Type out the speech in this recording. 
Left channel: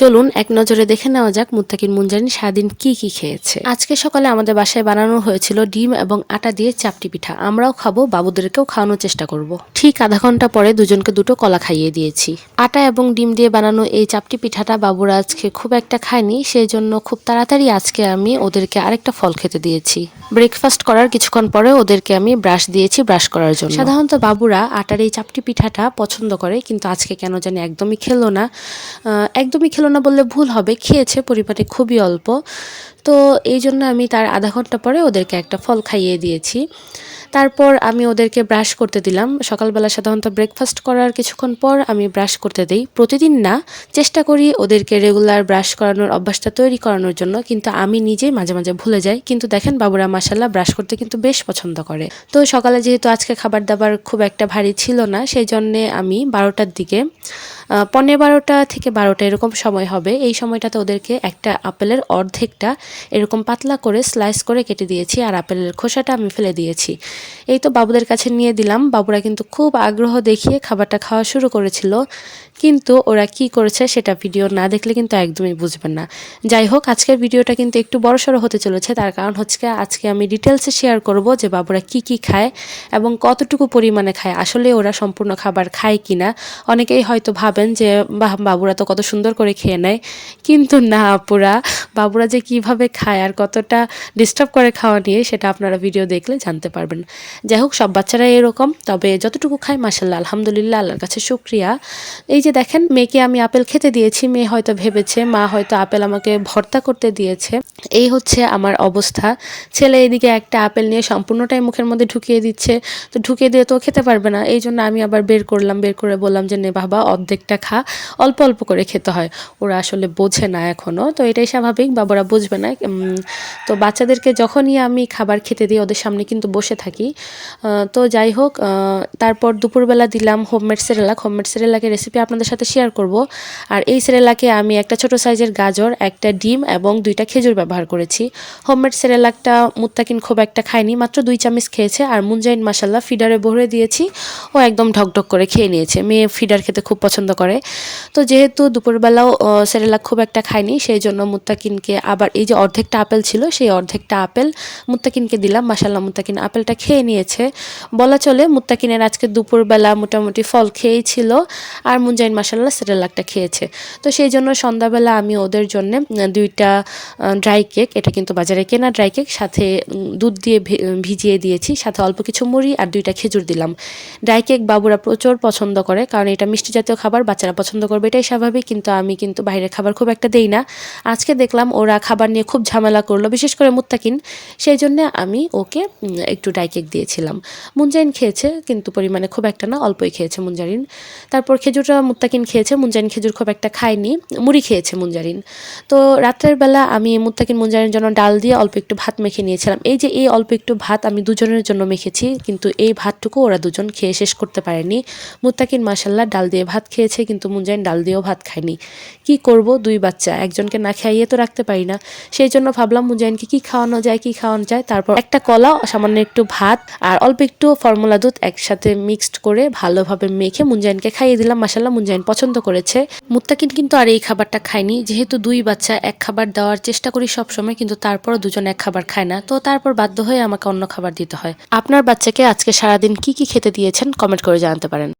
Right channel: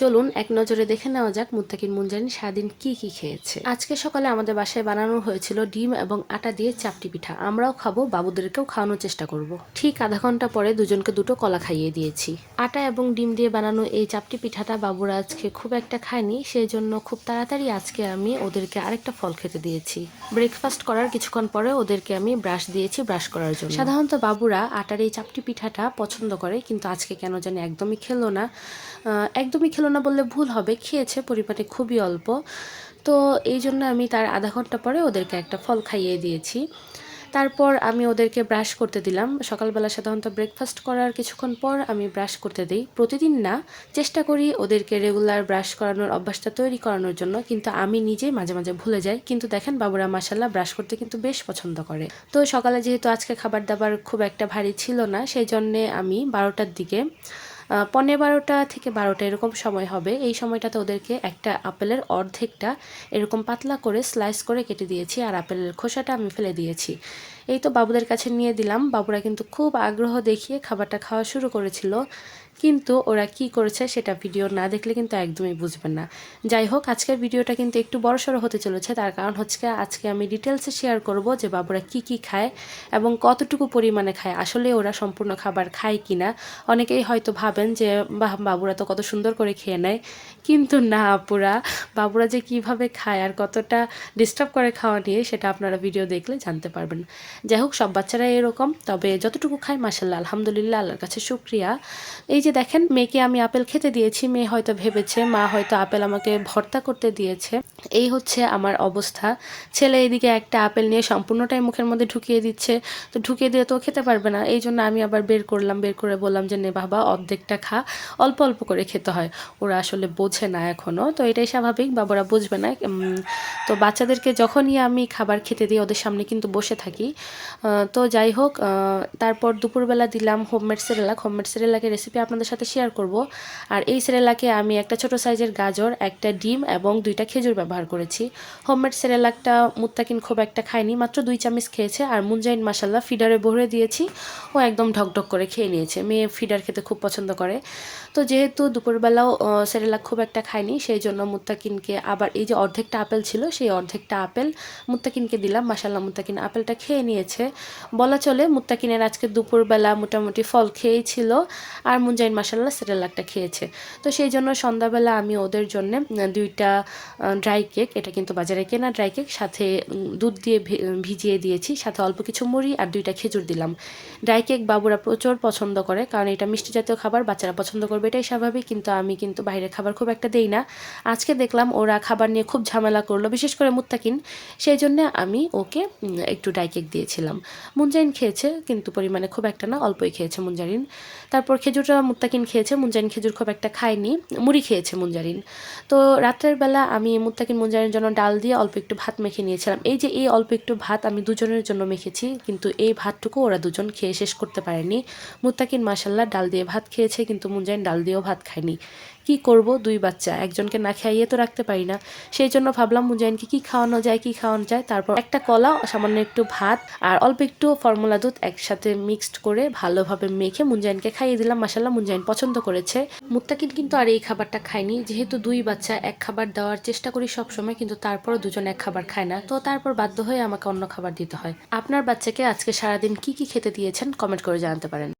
চলুন এক নজরে দেখে নেওয়া যাক মুত্তাকিন মুনজারিন সারাদিন কি কি খেয়েছে। আজকে সকালে আমাদের বাসায় বানানো হয়েছিল ডিম এবং আটা দিয়ে চাপটি পিঠা। আমরাও খাবো, বাবুদেরকেও খাওয়ানোর চেষ্টা করব। ঠিক আধা ঘন্টা পরে দুজনকে দুটো কলা খাইয়ে দিয়েছি। আটা এবং ডিম দিয়ে বানানো এই চাপটি পিঠাটা বাবুরা আজকে খুব একটা খায়নি, সেই জন্য খুব তাড়াতাড়ি আজকে আমি ওদেরকে আরেকটা ফল খেতে দিয়েছি। ব্রেকফাস্ট করার কিছুক্ষণ পরে ওদেরকে আমি ব্রাশ দিয়েছি ব্রাশ করার জন্য। সাধারণত বাবুরা আটার এই চাপটি পিঠাটা পছন্দ করে, কিন্তু আজকে কেন জানি একদমই খেলো না। একদমই খেলো না বললে ভুল হবে, খেয়েছে, পরিমাণে খুবই অল্প। তো এই জন্য আমি তার আধা ঘন্টা পরে ওদেরকে একটা ফল খাইয়ে দিয়েছি। তারপর আমি ওদেরকে ব্রাশ করতে দিলাম। সকালবেলা সাধারণত ব্রেকফাস্ট করার কিছুক্ষণ পর আমি ব্রাশ করতে দিই, প্রতিদিন না, চেষ্টা করি ওদেরকে রেগুলার ব্রাশ করানোর অভ্যাসটা তৈরি করানোর জন্য, কিন্তু আমি নিজেই মাঝে মাঝে ভুলে যাই। কিন্তু দেখেন বাবুরা মাশাল্লাহ ব্রাশ করতে কিন্তু বেশ পছন্দ করে। তো সকালে যেহেতু আজকে খাবার দাবার খুব একটা ভারী ছিল না, সেই জন্যে আমি 12টার দিকে 11:15 থেকে 12টা এরকম সময় হবে, এই সময়টাতে ওদেরকে একটা আপেলের অর্ধেকটা এরকম পাতলা করে স্লাইস করে কেটে দিয়েছি, আর আপেলের খোসাটা আমি ফেলে দিয়েছি। এই তো বাবুদের কাছে নিয়ে দিলাম। বাবুরা কিন্তু খুব আগ্রহ দেখিয়ে খাবারটা খাওয়া শুরু করেছিল, কিন্তু ওরা কি করেছে সেটা ভিডিও না দেখলে কিন্তু একদমই বুঝবেন না। যাই হোক, আজকের ভিডিওটা কিন্তু একটু বড়সড় হতে চলেছে, তার কারণ হচ্ছে আজকে আমি ডিটেলসে শেয়ার করব যে বাবুরা কি কি খায় এবং কতটুকু পরিমাণে খায়, আসলে ওরা সম্পূর্ণ খাবার খায় কিনা। অনেকেই হয়তো ভাবেন যে বাবুরা তো কত সুন্দর করে খেয়ে নেয়, কিন্তু না আপুরা, বাবুরা যে কিভাবে খায় আর কতটা ডিস্টার্ব করে খাওয়া নিয়ে সেটা আপনারা ভিডিও দেখলে জানতে পারবেন। যাই হোক, সব বাচ্চারাই এরকম, তবে যতটুকু খায় মাশাল্লাহ আলহামদুলিল্লাহ, আল্লাহর কাছে শুকরিয়া। এই যে দেখেন, মেয়েকে আমি আপেল খেতে দিয়েছি, মেয়ে হয়তো ভেবেছে মা হয়তো আপেল আমাকে ভর্তা করতে দিয়েছে। এই হচ্ছে আমার অবস্থা। ছেলে এদিকে একটা আপেল নিয়ে সম্পূর্ণটাই মুখের মধ্যে ঢুকিয়ে দিচ্ছে, তো ঢুকিয়ে দিয়ে তো খেতে পারবে না, এই জন্য আমি আবার বের করলাম, বের করে বললাম যে নে বাবা অর্ধেকটা খা, অল্প অল্প করে খেতে হয়। ওরা আসলে বোঝে না এখনও, তো এটাই স্বাভাবিক, বাবারা বুঝবে না। তো বাচ্চাদেরকে যখনই আমি খাবার খেতে দিই ওদের সামনে কিন্তু বসে থাকি। তো যাই হোক, তারপর দুপুরবেলা দিলাম হোমমেড সেরেলাক। হোমমেড সেরেলাকের রেসিপি আপনাদের সাথে শেয়ার করব। আর এই সেরেলাকে আমি একটা ছোট সাইজের গাজর, একটা ডিম এবং 2টা খেজুর ব্যবহার করেছি। হোমমেড সেরেলাকটা মুত্তাকিন খুব একটা খায়নি, মাত্র 2 চামচ খেয়েছে। আর মুনজাইন মাশাল্লাহ ফিডারে ভরে দিয়েছি, ও একদম ঢকঢক করে খেয়ে নিয়েছে। মেয়ে ফিডার খেতে খুব পছন্দ করে। তো যেহেতু দুপুরবেলাও সেরেলাক খুব একটা খায়নি, সেই জন্য মুত্তাকিনকে আবার এই যে অর্ধেকটা আপেল ছিল সেই অর্ধেকটা আপেল মুত্তাকিনকে দিলাম। মাশাল্লাহ মুত্তাকিন আপেলটা খেয়ে নিয়েছে। বলা চলে মুত্তাকিনের আজকে দুপুরবেলা মোটামুটি ফল খেয়েই ছিল, আর মুনজাইন মাশাল্লাহ সেরেলাকটা খেয়েছে। তো সেই জন্য সন্ধ্যাবেলা আমি ওদের জন্য 2টা ড্রাই কেক, এটা কিন্তু বাজারে কেনা ড্রাই কেক, সাথে দুধ দিয়ে ভিজিয়ে দিয়েছি, সাথে অল্প কিছু মুড়ি আর 2টা খেজুর দিলাম। ড্রাই কেক বাবুরা প্রচুর পছন্দ করে, কারণ এটা মিষ্টি জাতীয় খাবার, বাচ্চারা পছন্দ করবে, এটাই স্বাভাবিক। কিন্তু আমি কিন্তু বাইরের খাবার খুব একটা দেই না। আজকে দেখলাম ওরা খাবার নিয়ে খুব ঝামেলা করলো, বিশেষ করে মুত্তাকিন, সেই জন্য আমি ওকে একটু ড্রাই কেক দিয়েছিলাম। মুনজাইন খেয়েছে, কিন্তু পরিমাণে খুব একটা না, অল্পই খেয়েছে মুনজারিন। তারপর খেজুরটা মুত্তাকিন খেয়েছে, মুনজারিন খেজুর খুব একটা খায়নি, মুড়ি খেয়েছে মুনজারিন। তো রাত্রের বেলা আমি মুত্তাকিন মুনজারিনের জন্য ডাল দিয়ে অল্প একটু ভাত মেখে নিয়েছিলাম। এই যে এই অল্প একটু ভাত আমি দুজনের জন্য মেখেছি, কিন্তু এই ভাতটুকু ওরা দুজন খেয়ে শেষ করতে পারেনি। মুত্তাকিন মাশাল্লাহ ডাল দিয়ে ভাত খেয়েছে, কিন্তু মুনজারিন ডাল দিয়েও ভাত খায়নি। কি করব, 2 বাচ্চা, একজনকে না খাইয়ে তো রাখতে পারি না, সেই জন্য ভাবলাম মুনজারিনকে কি খাওয়ানো যায়। তারপর একটা কলা, সামান্য একটু ভাত আর অল্প একটু ফর্মুলা দুধ একসাথে মিক্সড করে ভালোভাবে মেখে মুনজারিনকে খাইয়ে দিলাম। মাশাল্লাহ মুনজারিন পছন্দ করেছে। মুত্তাকিন কিন্তু আর এই খাবারটা খায়নি, যেহেতু 2 বাচ্চা এক খাবার দেওয়ার চেষ্টা করি সব সময়, কিন্তু তারপরও দুজন এক খাবার খায় না, তো তারপর বাধ্য হয়ে আমাকে অন্য খাবার দিতে হয়। আপনার বাচ্চাকে আজকে সারাদিন কি কি খেতে দিয়েছেন কমেন্ট করে জানাতে পারেন।